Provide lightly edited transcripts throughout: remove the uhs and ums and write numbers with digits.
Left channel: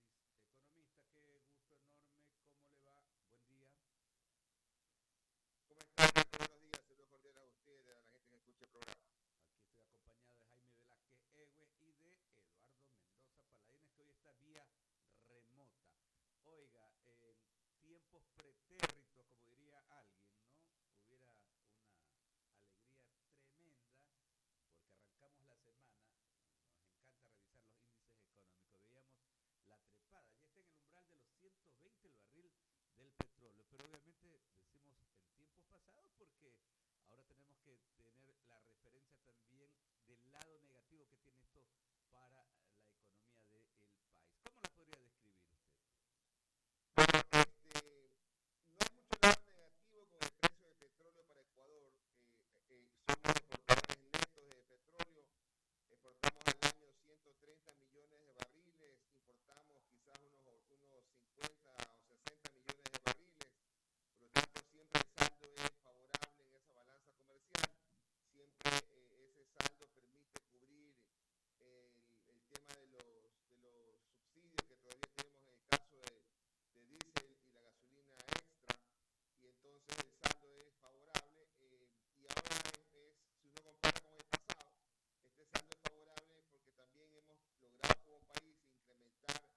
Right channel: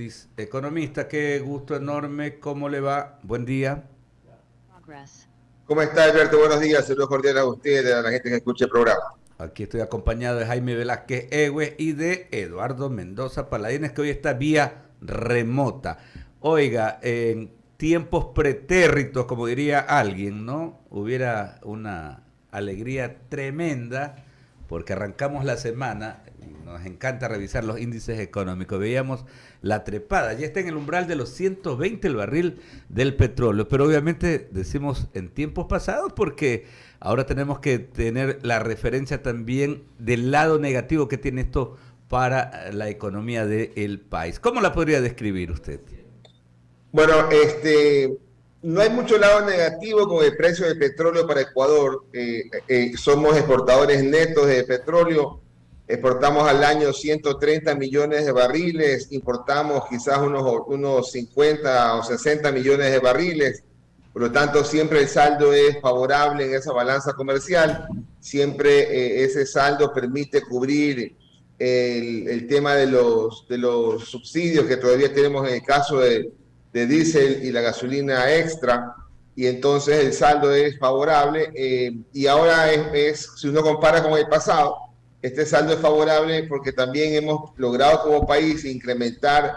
Ortiz, economista. Qué gusto enorme. ¿Cómo le va? Buen día. ¿Cómo está, Alberto? Buenos días. Saludos cordiales a usted, a la gente que escucha el programa. Aquí estoy acompañado de Jaime Velázquez Egue y de Eduardo Mendoza Paladines, que hoy está vía remota. Oiga, en tiempos pretérritos, como diría alguien, ¿no? Hubiera una alegría tremenda porque arrancamos la semana, y nos encanta revisar los índices económicos. Veíamos la trepada, ya está en el umbral de los 120 el barril del petróleo, pero obviamente decimos en tiempos pasados porque ahora tenemos que tener la referencia también del lado negativo que tiene esto para la economía del país. ¿Cómo la podría describir usted? Bueno, no hay mucho lado negativo con el precio del petróleo para Ecuador. Somos exportadores netos de petróleo. Exportamos al año 130 millones de barriles, importamos quizás unos 50 o 60 millones de barriles. Por lo tanto, siempre el saldo es favorable en esa balanza comercial. Siempre ese saldo permite cubrir el tema de los subsidios que todavía tenemos en el caso de diésel y la gasolina extra, y entonces el saldo es favorable, y ahora si uno compara con el pasado, este saldo es favorable porque también hemos logrado como país incrementar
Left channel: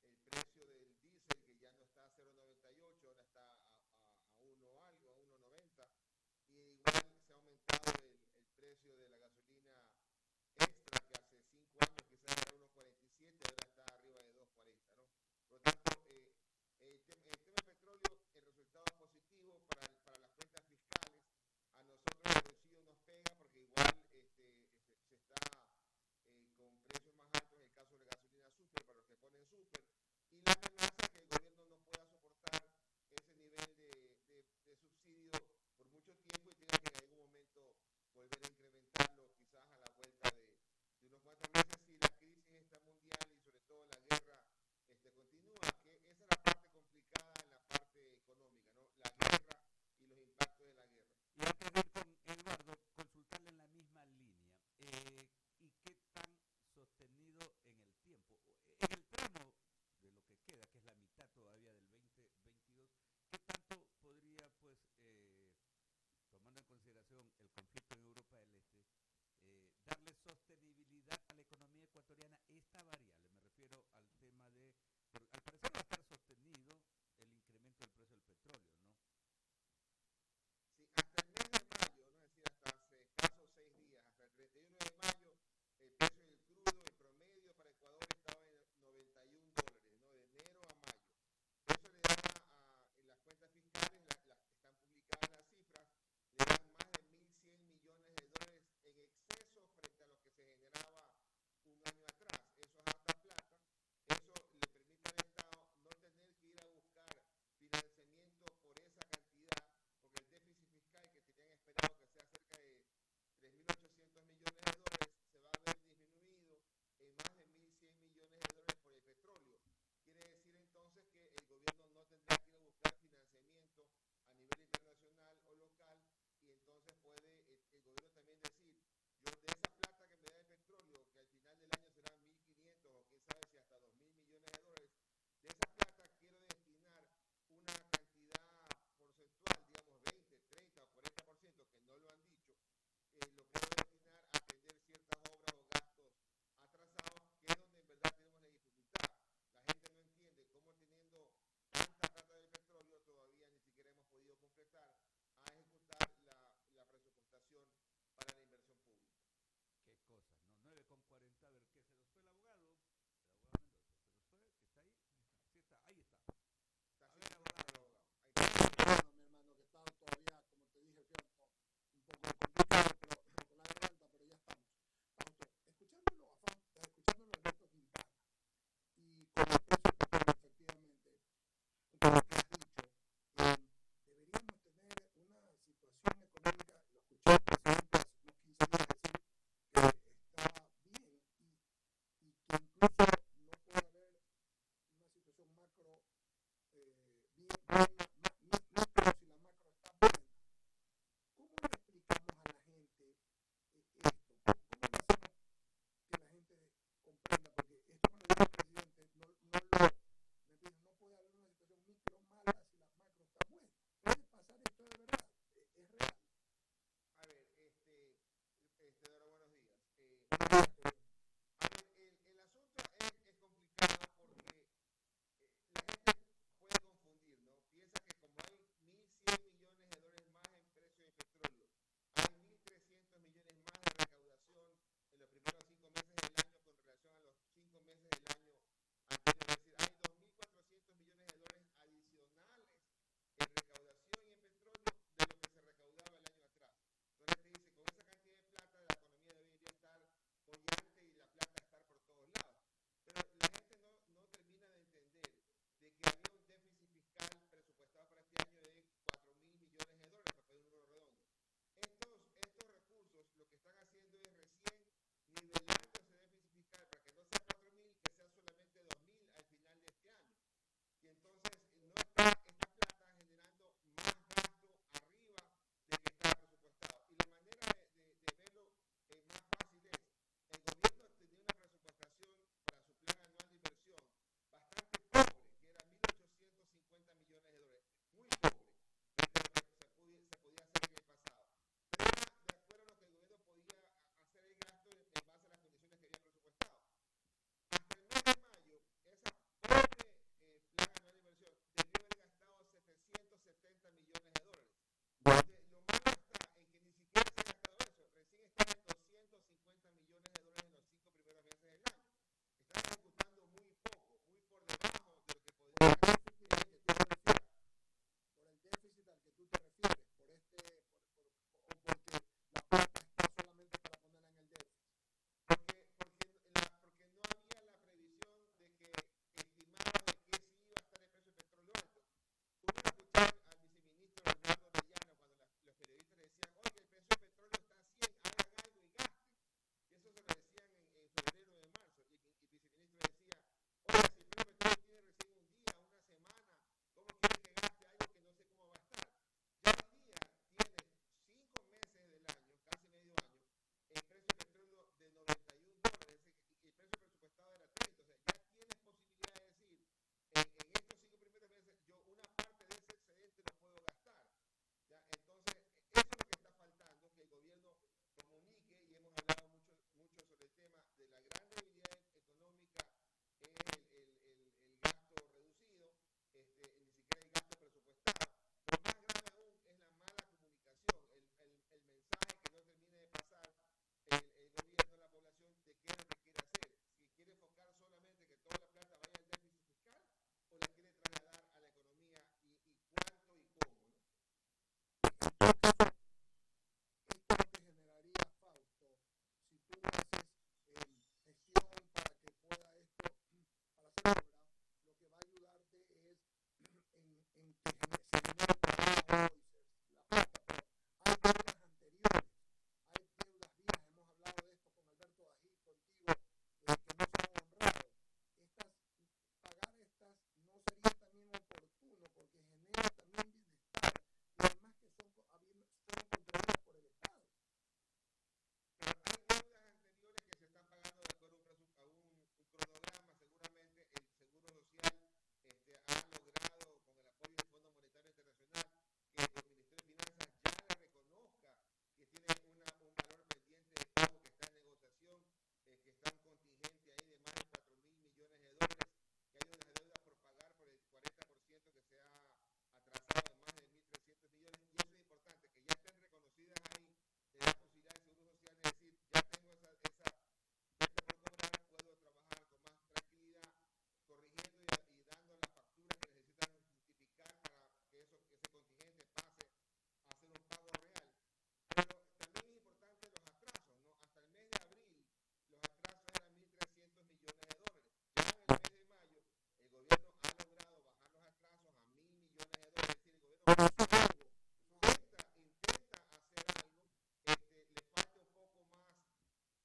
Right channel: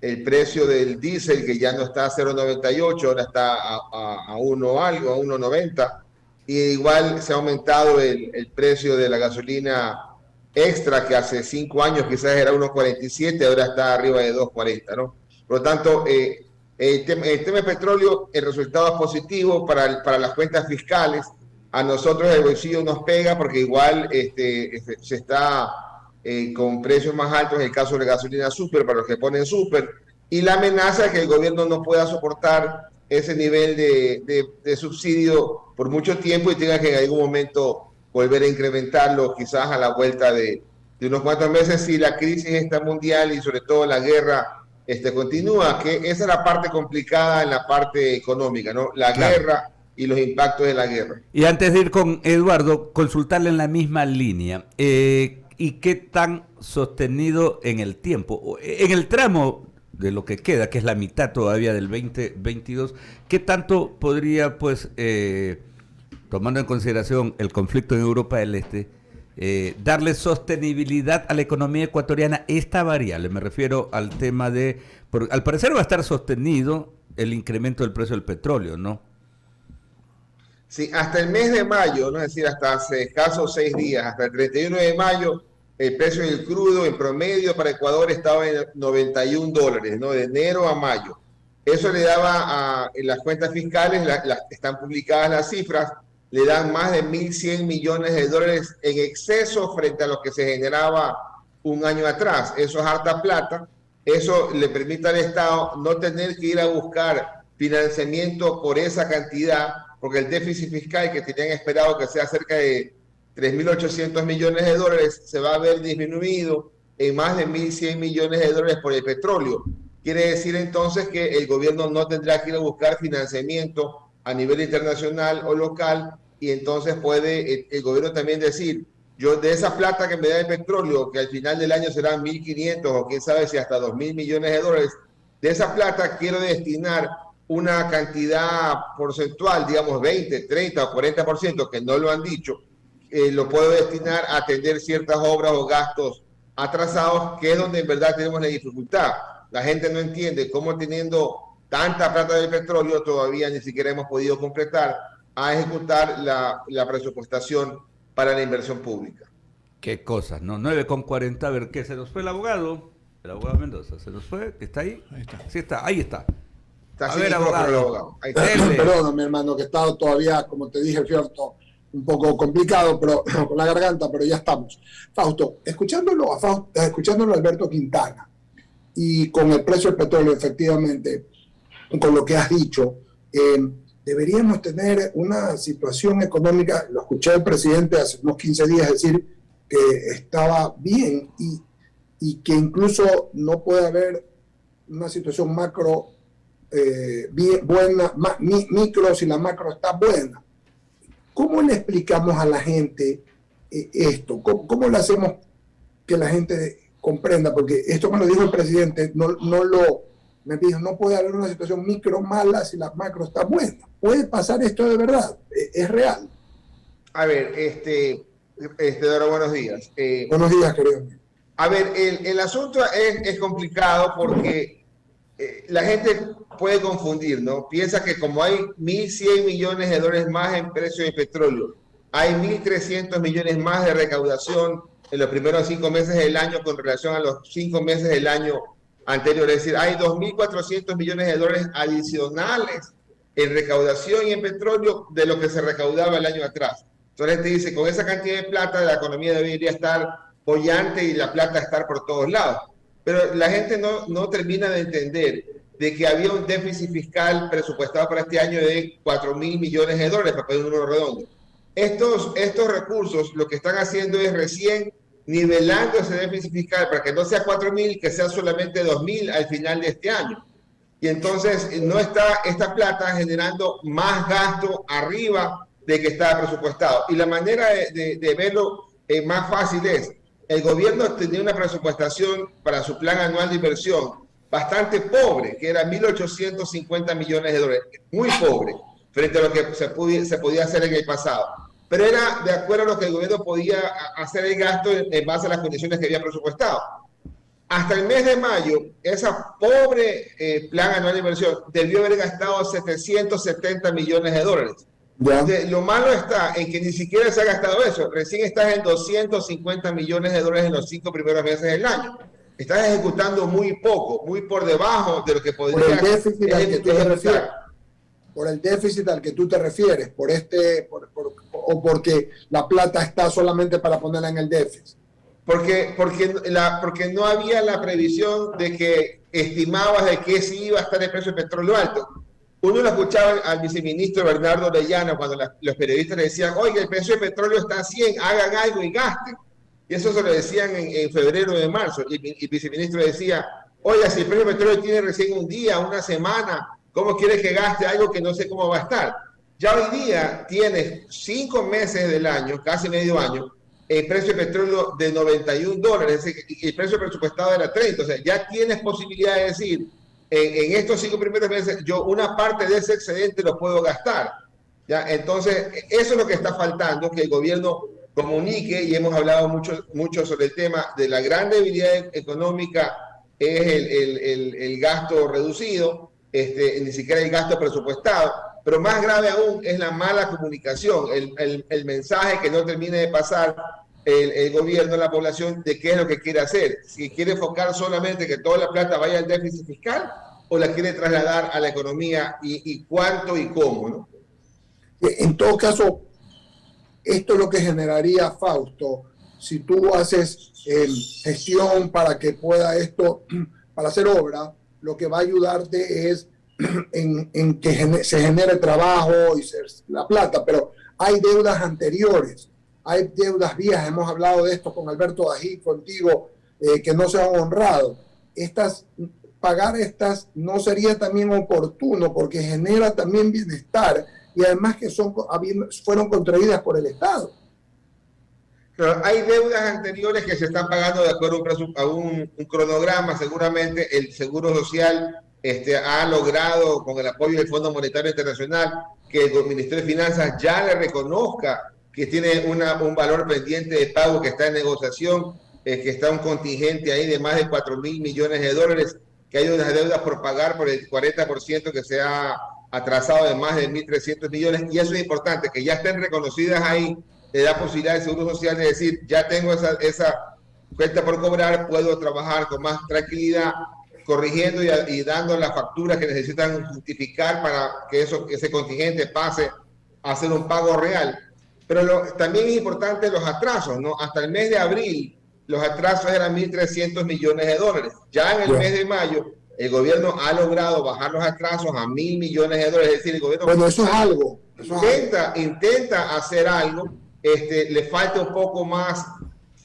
el precio del diésel, que ya no está a 0,98, ahora está a 1 algo, a 1,90, y igual se ha aumentado el precio de la gasolina extra, que hace 5 años quizás era 1,47, ahora está arriba de 2,40, ¿no? Por lo tanto, el tema de petróleo, el resultado es positivo para las cuentas fiscales. A nosotros el bolsillo nos pega porque igual se está con precios más altos en el caso de la gasolina súper, para los que ponen súper, y la amenaza es que el gobierno no pueda soportar ese nivel de subsidio por mucho tiempo y tenga que en algún momento volver a incrementarlo, quizás a la vuelta de unos cuantos meses, si la crisis está mundial y sobre todo la guerra continúa, que esa es la parte complicada en la parte económica, ¿no? La Claro. guerra y los impactos de la guerra. Y antes de ir con Eduardo, consultarle en la misma línea. ¿Y qué tan sostenido en el tiempo? En el tramo de lo que queda, que es la mitad todavía del 2022, ¿qué tanto podría, pues, tomando en consideración el conflicto en Europa del Este, darle sostenibilidad a la economía ecuatoriana esta variable? Me refiero al tema al parecer va a estar sostenido el incremento del precio del petróleo, ¿no? Sí, hasta el mes de mayo, ¿no? Es decir, hasta hace escasos 6 días, hasta el 31 de mayo, el precio del crudo en promedio para Ecuador estaba en $91, ¿no? De enero a mayo. Eso le daba en las cuentas fiscales, están publicadas las cifras, le dan más de 1.100 millones de dólares en exceso frente a lo que se generaba un año atrás. Eso es harta plata. Eso le permite al Estado no tener que ir a buscar financiamiento por esa cantidad, porque el déficit fiscal que tenían esperado que sea cerca de 3.800 millones de dólares se va a ver disminuido en más de 1.100 millones de dólares por el petróleo. Quiere decir entonces que el gobierno no tendrá que ir a buscar financiamiento a nivel internacional o local, y entonces puede el gobierno también decir: yo de esa plata que me da el petróleo, que al final del año serán 1.500 o quién sabe si hasta 2.000 millones de dólares, de esa plata quiero destinar una cantidad porcentual, digamos 20, 30 o 40%, que no lo han dicho, lo puedo destinar a atender ciertas obras o gastos atrasados, que es donde en verdad tenemos la dificultad. La gente no entiende cómo, teniendo tanta plata del petróleo, todavía ni siquiera hemos podido completar a ejecutar la presupuestación para la inversión pública. Qué cosas, ¿no? 9:40, a ver, ¿qué? Se nos fue el abogado Mendoza, ¿se nos fue? ¿Está ahí? Ahí está. Sí está, ahí está. Está A sin ver, micrófono el abogado. abogado. Ahí está. Perdón, mi hermano, que estaba todavía, como te dije, Fierto, un poco complicado, pero con la garganta, pero ya estamos. Fausto, escuchándolo a Alberto Quintana y con el precio del petróleo, efectivamente, con lo que has dicho, deberíamos tener una situación económica. Lo escuché el presidente hace unos 15 días decir que estaba bien y que incluso no puede haber una situación macro bien, buena, micro si la macro está buena. ¿Cómo le explicamos a la gente esto? ¿Cómo le hacemos que la gente comprenda, porque esto me lo dijo el presidente, me dijo, no puede haber una situación micro mala si la macro está buena. Puede pasar esto de verdad, es real. A ver, Dora, buenos días. Buenos días, querido. A ver, el asunto es complicado porque la gente puede confundir, ¿no? Piensa que como hay 1.100 millones de dólares más en precio de petróleo, hay 1.300 millones más de recaudación en los primeros 5 meses del año con relación a los 5 meses del año anterior. Es decir, hay 2.400 millones de dólares adicionales en recaudación y en petróleo de lo que se recaudaba el año atrás. Entonces te dice, con esa cantidad de plata la economía debería estar bollante y la plata estar por todos lados. Pero la gente no termina de entender de que había un déficit fiscal presupuestado para este año de 4.000 millones de dólares, para poner un número redondo. Estos recursos lo que están haciendo es recién nivelando ese déficit fiscal para que no sea 4.000, que sea solamente 2.000 al final de este año. Y entonces no está esta plata generando más gasto arriba de que estaba presupuestado. Y la manera de verlo más fácil es, el gobierno tenía una presupuestación para su plan anual de inversión bastante pobre, que era 1.850 millones de dólares, muy pobre, frente a lo que se podía hacer en el pasado. Pero era de acuerdo a lo que el gobierno podía hacer el gasto en base a las condiciones que había presupuestado. Hasta el mes de mayo, esa pobre plan anual de inversión debió haber gastado 770 millones de dólares. Lo malo está en que ni siquiera se ha gastado eso. Recién estás en 250 millones de dólares en los 5 primeros meses del año. Estás ejecutando muy poco, muy por debajo de lo que podría por el déficit al que tú te refieres. Por el déficit al que tú te refieres, o porque la plata está solamente para ponerla en el déficit. Porque no había la previsión de que estimabas de que sí iba a estar el precio del petróleo alto. Uno lo escuchaba al viceministro Bernardo Orellana cuando los periodistas le decían, oye, el precio del petróleo está a 100, hagan algo y gasten. Y eso se lo decían en febrero de marzo. Y el viceministro decía, oiga, si el precio del petróleo tiene recién un día, una semana, ¿cómo quieres que gaste algo que no sé cómo va a estar? Ya hoy día tienes 5 meses del año, casi medio año, el precio del petróleo de $91, es decir, el precio presupuestado era 30. O sea, ya tienes posibilidad de decir, en estos 5 primeros meses, yo una parte de ese excedente lo puedo gastar. ¿Ya? Entonces, eso es lo que está faltando, que el gobierno comunique, y hemos hablado mucho sobre el tema de la gran debilidad económica, es el gasto reducido, ni siquiera el gasto presupuestado, pero más grave aún es la mala comunicación, el mensaje que no termine de pasar el gobierno a la población de qué es lo que quiere hacer, si quiere enfocar solamente que toda la plata vaya al déficit fiscal o la quiere trasladar a la economía y cuánto y cómo, ¿no? En todo caso, esto es lo que generaría, Fausto, si tú haces gestión para que pueda esto, para hacer obra, lo que va a ayudarte es en que se genere trabajo y la plata, pero hay deudas anteriores, hay deudas viejas, hemos hablado de esto con Alberto Dají, contigo, que no se han honrado. Pagar estas no sería también oportuno porque genera también bienestar y además que fueron contraídas por el Estado. Pero hay deudas anteriores que se están pagando de acuerdo a un cronograma. Seguramente el Seguro Social ha logrado, con el apoyo del Fondo Monetario Internacional, que el Ministerio de Finanzas ya le reconozca que tiene un valor pendiente de pago que está en negociación, que está un contingente ahí de más de 4.000 millones de dólares, que hay unas deudas por pagar por el 40% que se ha atrasado de más de 1.300 millones, y eso es importante, que ya estén reconocidas ahí, le da posibilidad al Seguro Social de decir, ya tengo esa cuenta por cobrar, puedo trabajar con más tranquilidad, corrigiendo y dando las facturas que necesitan justificar para que ese contingente pase a hacer un pago real. Pero también es importante los atrasos, ¿no? Hasta el mes de abril, los atrasos eran 1.300 millones de dólares. Ya en el mes de mayo, el gobierno ha logrado bajar los atrasos a 1.000 millones de dólares. Es decir, el gobierno bueno, eso es algo. Intenta hacer algo, le falta un poco más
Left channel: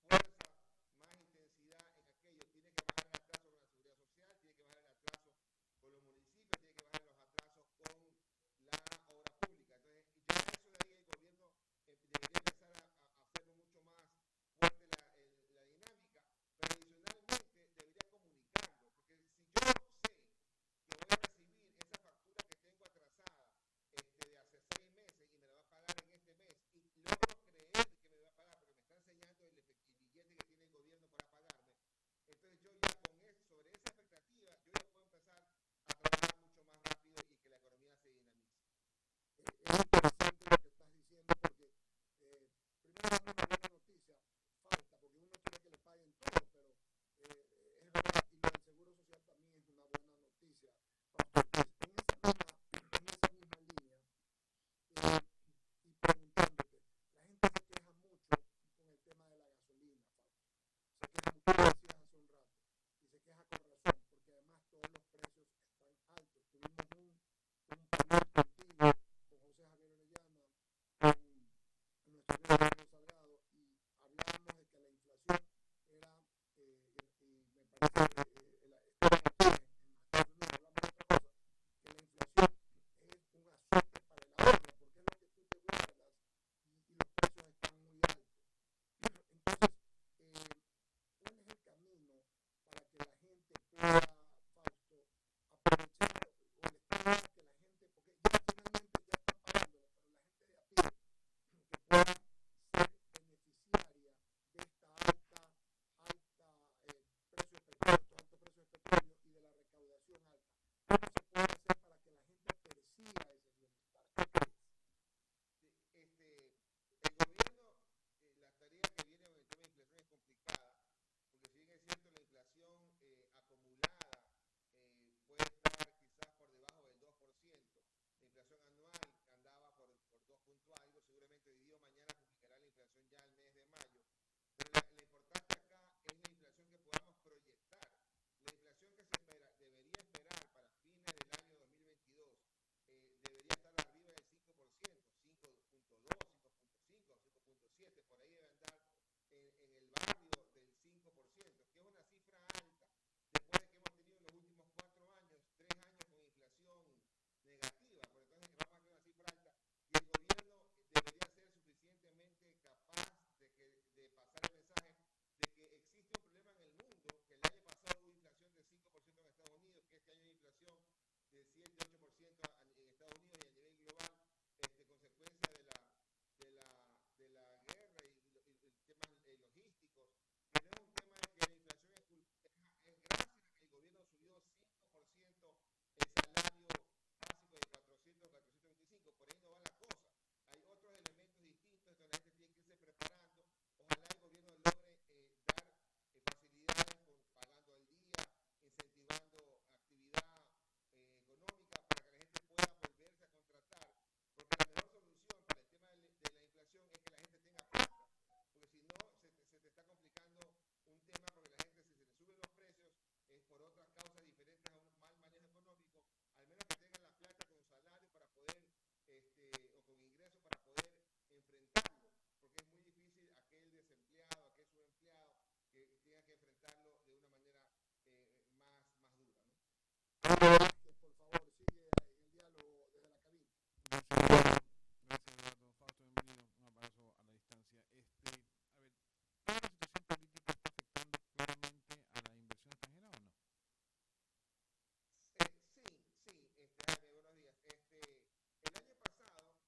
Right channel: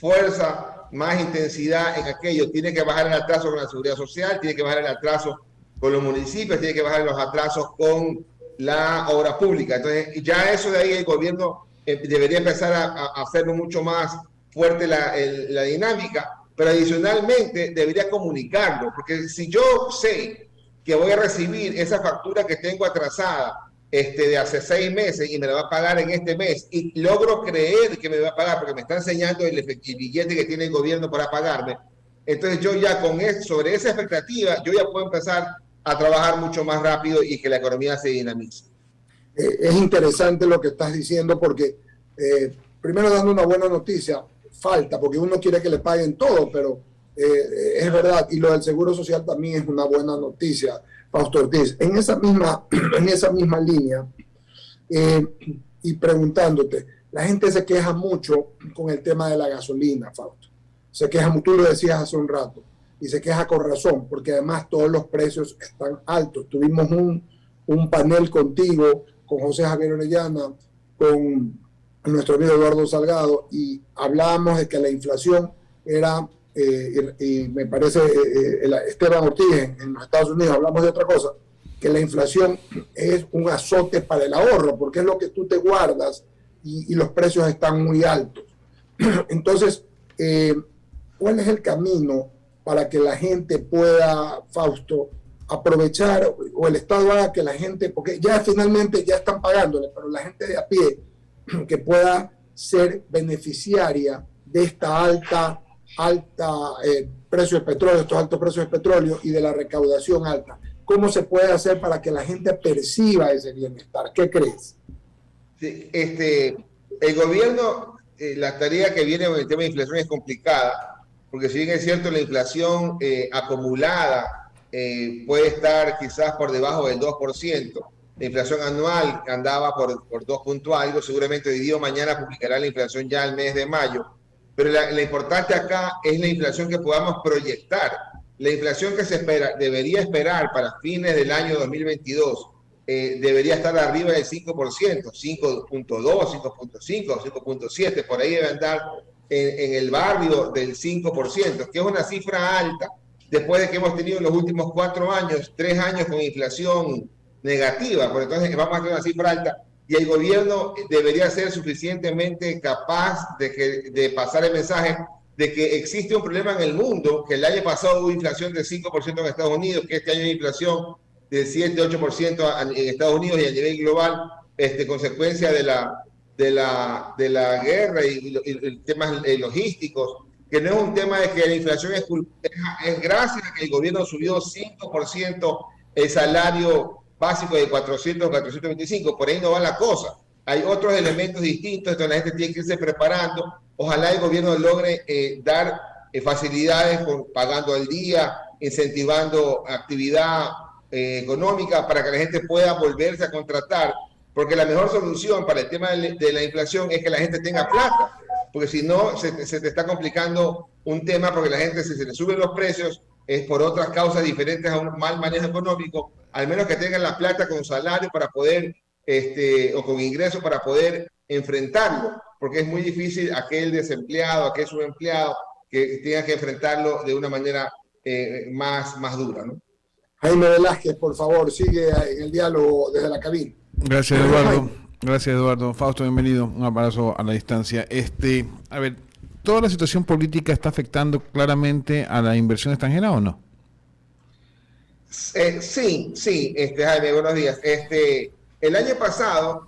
fuerza, más intensidad en aquello. Tiene que bajar el atraso con la seguridad social, tiene que bajar el atraso con los municipios, tiene que bajar los atrasos con la obra pública. Entonces, ya eso de ahí el gobierno debería empezar a hacerlo mucho más fuerte la dinámica, pero adicionalmente debería comunicarlo, porque si yo sé que voy a recibir esa factura que tengo atrasada de hace 6 meses y me la va a pagar en este mes, y logro creer que me va a pagar porque me está enseñando el billete que tiene el gobierno para pagarme, entonces yo ya sobre esa expectativa, yo ya puedo empezar a trabajar mucho más rápido y que la economía se dinamice. Es interesante lo que estás diciendo porque, primero dando una buena noticia, falta, porque uno quiere que le paguen todo, pero es verdad, y lo del Seguro Social también es una buena noticia, Fausto Ortiz. En esa misma línea, y preguntándote, la gente se queja mucho con el tema de la gasolina, Fausto. Se queja, tú lo decías hace un rato, y se queja con razón, porque además todos los precios están altos. Tuvimos un panel contigo, con José Javier Orellana, con nuestro amigo Eduardo Salgado, y hablábamos de que la inflación era, y me parece Esteban Ortiz en los Estados Unidos, hablamos de otra cosa, que la inflación es un azote para el ahorro, porque es lo que tú te guardas y los precios están muy altos. Entonces, ¿cuál es el camino para que la gente pueda, Fausto, aprovechar, o el Estado haga que la gente, porque ya finalmente ya están pagándole, pero la gente de a pie, que pueda ser beneficiaria de esta alta precio de petróleo, estos altos precios de petróleo y de la recaudación alta? ¿Cómo se puede hacer para que la gente perciba ese bienestar? ¿Qué crees? Sí, el gobierno, la tarea que viene con el tema de inflación es complicada, porque si bien es cierto, la inflación acumulada puede estar quizás por debajo del 2%. La inflación anual andaba por 2 puntos algo, seguramente hoy día o mañana publicará la inflación ya el mes de mayo. Pero lo importante acá es la inflación que podamos proyectar. La inflación que se debería esperar para fines del año 2022 debería estar arriba del 5%, 5.2, 5.5, 5.7, por ahí debe andar en el barrio del 5%, que es una cifra alta después de que hemos tenido en los últimos 4 años, 3 años con inflación negativa. Por entonces vamos a tener una cifra alta y el gobierno debería ser suficientemente capaz de pasar el mensaje de que existe un problema en el mundo, que el año pasado hubo inflación del 5% en Estados Unidos, que este año hay inflación del 7-8% en Estados Unidos y a nivel global, consecuencia de la guerra y temas logísticos, que no es un tema de que la inflación es gracias a que el gobierno subió 5% el salario básico de 400 a 425, por ahí no va la cosa. Hay otros elementos distintos, entonces la gente tiene que irse preparando. Ojalá el gobierno logre dar facilidades pagando al día, incentivando actividad económica para que la gente pueda volverse a contratar, porque la mejor solución para el tema de la inflación es que la gente tenga plata, porque si no se te está complicando un tema, porque la gente, si se le suben los precios es por otras causas diferentes a un mal manejo económico, al menos que tengan la plata con salario para poder, o con ingresos para poder enfrentarlo, porque es muy difícil aquel desempleado, aquel subempleado, que tenga que enfrentarlo de una manera más dura, ¿no? Jaime Velázquez, por favor, sigue en el diálogo desde la cabina. Gracias, Eduardo. Gracias, Eduardo. Fausto, bienvenido. Un abrazo a la distancia. A ver, ¿toda la situación política está afectando claramente a la inversión extranjera o no? Sí, Jaime, buenos días. El año pasado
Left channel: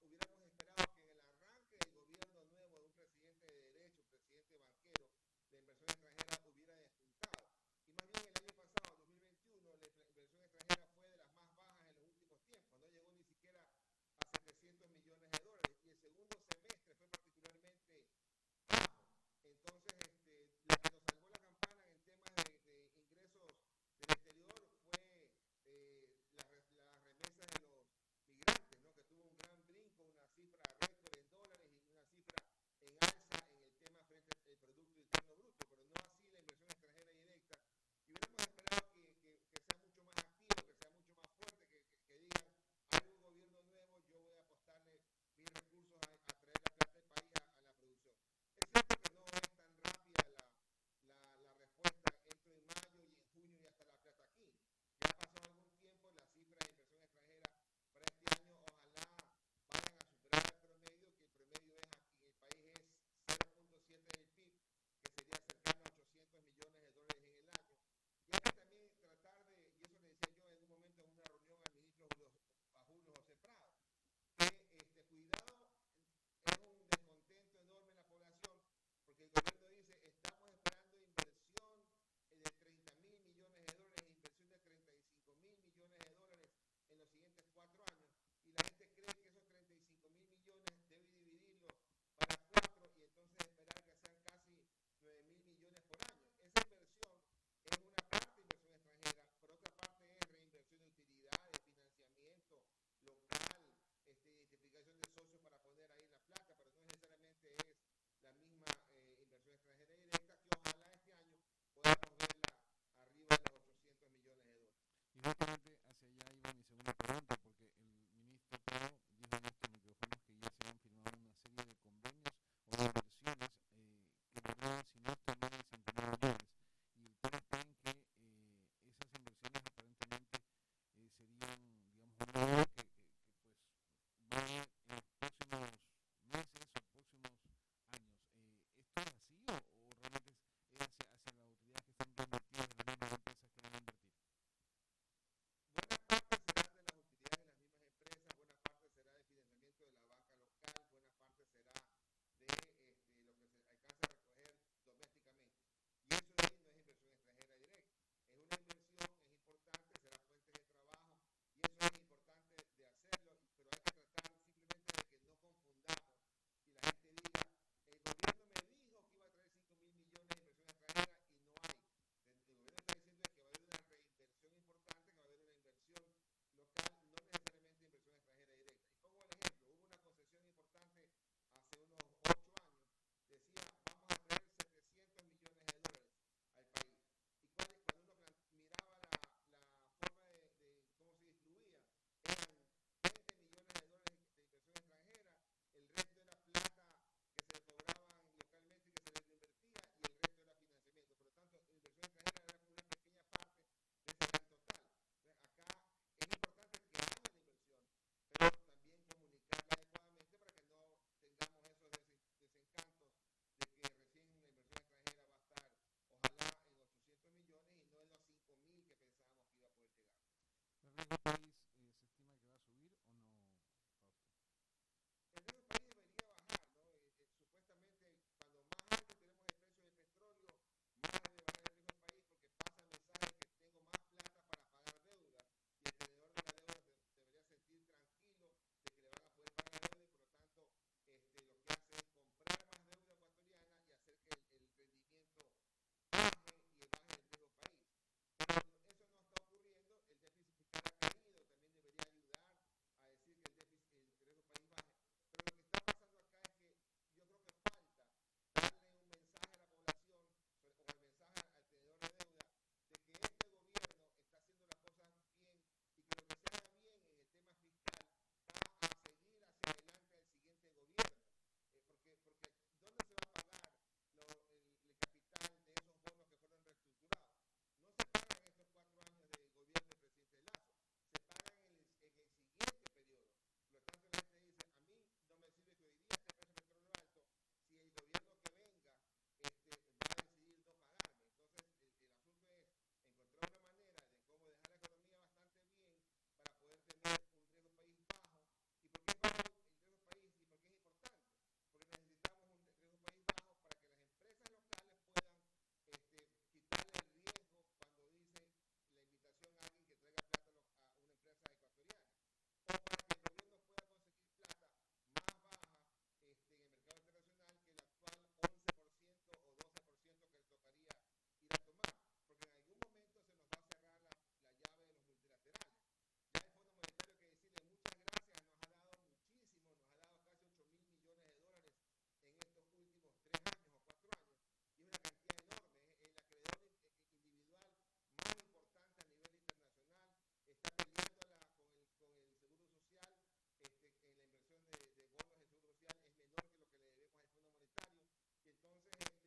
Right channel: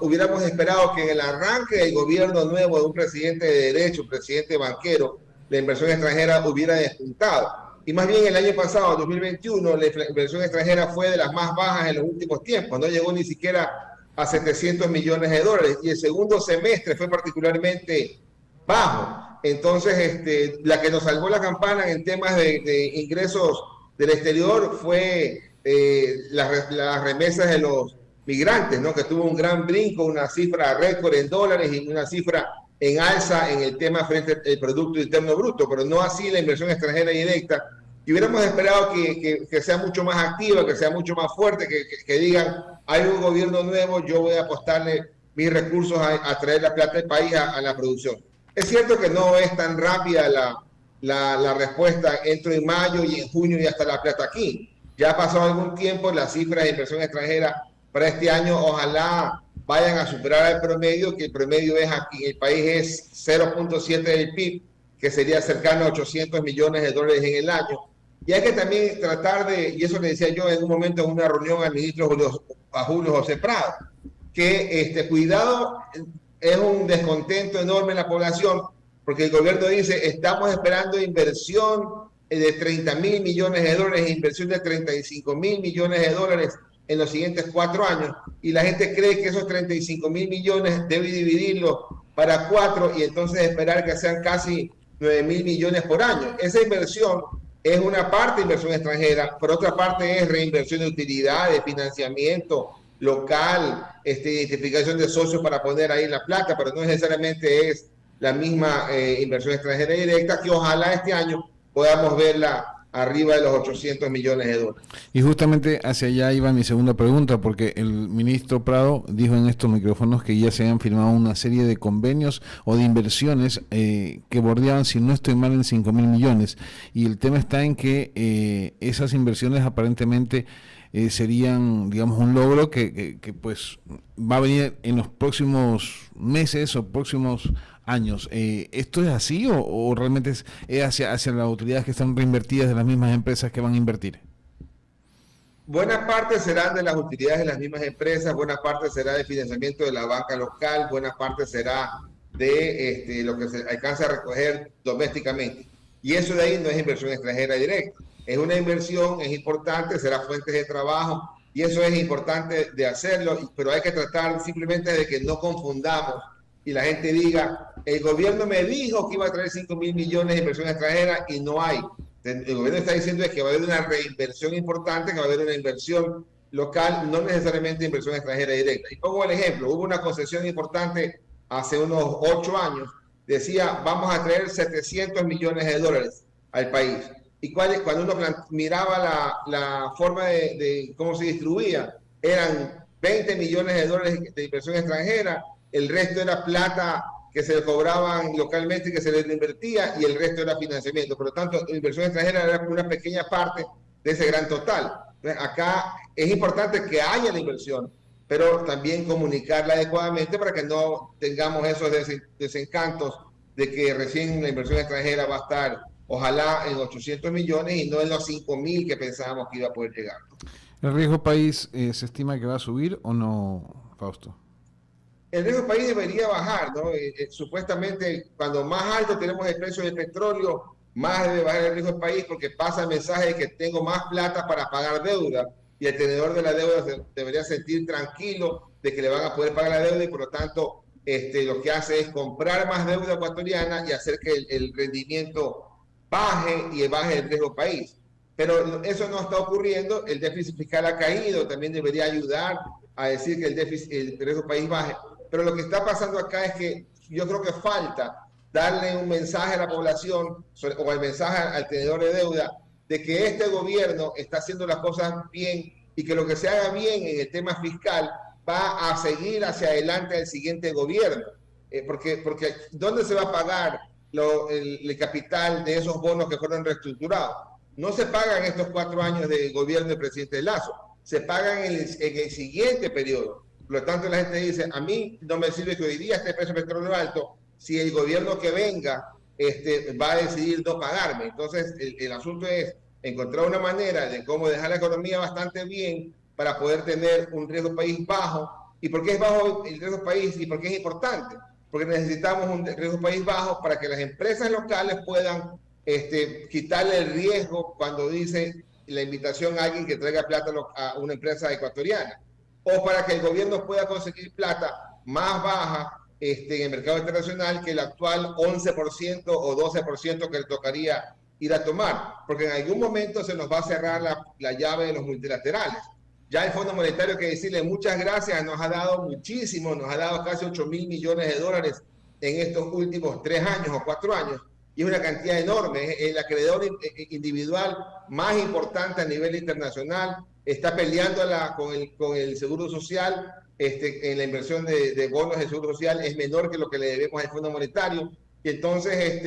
hubiéramos esperado que en el arranque del gobierno nuevo de un presidente de derecho, un presidente banquero, la inversión extranjera hubiera despuntado. Y más bien el año pasado, 2021, la inversión extranjera fue de las más bajas en los últimos tiempos, no llegó ni siquiera a $700 millones, y el segundo semestre fue particularmente bajo. Entonces, la que nos salvó la campana en temas de ingresos del exterior fue las remesas de los migrantes, ¿no? Que tuvo un gran brinco, una cifra récord en dólares y una cifra en alza en el tema frente al Producto Interno Bruto, pero no así la inversión extranjera directa. Y hubiéramos esperado que sea mucho más activa, que sea mucho más fuerte, que digan, hay un gobierno nuevo, yo voy a apostarle mis recursos a traer la plata del país a la producción. Es cierto que no es tan rápida la respuesta, entro en mayo y en junio ya está la plata aquí. Ya ha pasado algún tiempo, las cifras de inversión extranjera para este año ojalá vayan a superar el promedio, que el promedio es aquí, el país es 0.7 del PIB, que sería cercano a 800 millones de dólares en el año. Y hay que también tratar de, y eso le decía yo en un momento en una reunión al ministro Julio José Prado, que cuidado, es un descontento enorme en la población, porque el gobierno dice, estamos esperando inversión de 30 mil millones de dólares, inversión de 35 mil millones de dólares en los siguientes 4 años, y la gente cree que esos 35 mil millones debe dividirlo para 4 y entonces esperar que sean casi 9 mil millones por año. Esa inversión es una parte de inversión extranjera, por otra parte es reinversión de utilidades, financiamiento local, identificación de socios para poner ahí la plata, pero no necesariamente es la misma inversión extranjera directa, que ojalá este año podamos verla arriba de los 800 millones de dólares. Y justamente hacia allá iba mi segunda pregunta, porque el ministro Prado dijo en estos micrófonos que ya se han firmado una serie de convenios o de inversiones que bordeaban, si no estoy mal, en 5 mil millones. Y el tema está en que esas inversiones aparentemente serían, digamos, un logro que pues va a venir en los próximos meses o próximos años. ¿Esto es así o realmente es hacia las autoridades que están reinvertidas de las mismas empresas que van a invertir? Buena parte serán de las utilidades de las mismas empresas, buena parte será de financiamiento de la banca local, buena parte será de lo que se alcanza a recoger domésticamente. Y eso de ahí no es inversión extranjera directa. Es una inversión, es importante, será fuentes de trabajo y eso es importante de hacerlo, pero hay que tratar simplemente de que no confundamos y la gente diga, el gobierno me dijo que iba a traer 5 mil millones de inversión extranjera y no hay. El gobierno está diciendo que va a haber una reinversión importante, que va a haber una inversión local, no necesariamente inversión extranjera directa. Y pongo el ejemplo, hubo una concesión importante hace unos 8 años, decía, vamos a traer 700 millones de dólares al país. Y cuando uno miraba la forma de cómo se distribuía, eran 20 millones de dólares de inversión extranjera, el resto era plata que se le cobraban localmente y que se les invertía, y el resto era financiamiento. Por lo tanto, la inversión extranjera era una pequeña parte de ese gran total. Entonces, acá es importante que haya la inversión, pero también comunicarla adecuadamente para que no tengamos esos desencantos de que recién la inversión extranjera va a estar, ojalá, en 800 millones y no en los 5 mil que pensábamos que iba a poder llegar. ¿El riesgo país se estima que va a subir o no, Fausto? El riesgo país debería bajar, ¿no? Supuestamente, cuando más alto tenemos el precio del petróleo, más debe bajar el riesgo país porque pasa el mensaje de que tengo más plata para pagar deuda y el tenedor de la deuda debería sentir tranquilo de que le van a poder pagar la deuda y por lo tanto lo que hace es comprar más deuda ecuatoriana y hacer que el rendimiento baje y baje el riesgo país. Pero eso no está ocurriendo, el déficit fiscal ha caído, también debería ayudar a decir que el riesgo país baje. Pero lo que está pasando acá es que yo creo que falta darle un mensaje a la población o el mensaje al tenedor de deuda de que este gobierno está haciendo las cosas bien y que lo que se haga bien en el tema fiscal va a seguir hacia adelante el siguiente gobierno. Porque ¿dónde se va a pagar el capital de esos bonos que fueron reestructurados? No se pagan estos 4 años de gobierno del presidente Lasso, se pagan en el siguiente periodo. Por lo tanto, la gente dice, a mí no me sirve que hoy día esté el precio del petróleo alto si el gobierno que venga va a decidir no pagarme. Entonces, el asunto es encontrar una manera de cómo dejar la economía bastante bien para poder tener un riesgo país bajo. ¿Y por qué es bajo el riesgo país? ¿Y por qué es importante? Porque necesitamos un riesgo país bajo para que las empresas locales puedan quitarle el riesgo cuando dice la invitación a alguien que traiga plata a una empresa ecuatoriana. O para que el gobierno pueda conseguir plata más baja en el mercado internacional que el actual 11% o 12% que le tocaría ir a tomar, porque en algún momento se nos va a cerrar la llave de los multilaterales. Ya el Fondo Monetario, que decirle muchas gracias, nos ha dado muchísimo, nos ha dado casi 8 mil millones de dólares en estos últimos 3 años o 4 años, y es una cantidad enorme. Es el acreedor individual más importante a nivel internacional, está peleándola con el Seguro Social, en la inversión de bonos de Seguro Social es menor que lo que le debemos al Fondo Monetario, y entonces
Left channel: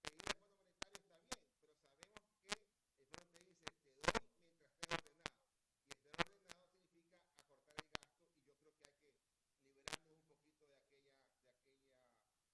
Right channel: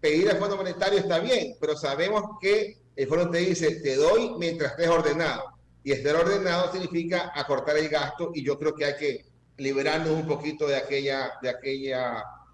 pedir al Fondo Monetario está bien, pero sabemos que el Fondo te dice, te doy mientras estés ordenado, y estar ordenado significa acortar el gasto, y yo creo que hay que liberarnos un poquito de aquella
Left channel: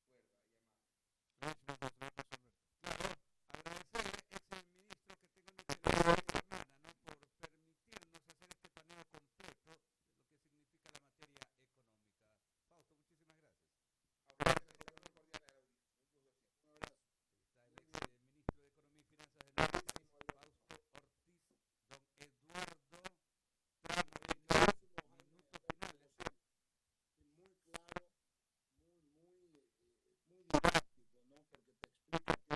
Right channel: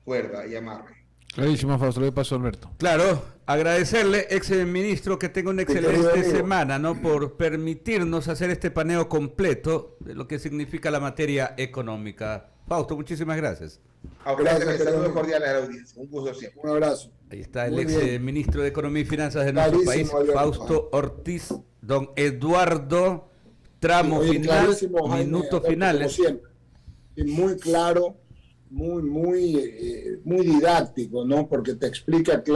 cuerda y amarre. Clarísimo, Fausto, le paso a Alberto. Claro, agradecerle, ex ministro, que tenga una excelente semana, ¿no? Por permitirnos hacer este paneo completo de lo que significa la materia económica. Fausto, muchísimas gracias. A ustedes, saludos cordiales a la audiencia. Un gusto siempre. Un abrazo. Ahí está el Muy ex bien. ministro de Economía y Finanzas de nuestro país, Alberto. Fausto Ortiz, don Eduardo, tramo Oye, final, clarísimo, Jaime, minutos Alberto, finales. como siempre. Y muy claro, muy didáctico, ¿no? Porque te explica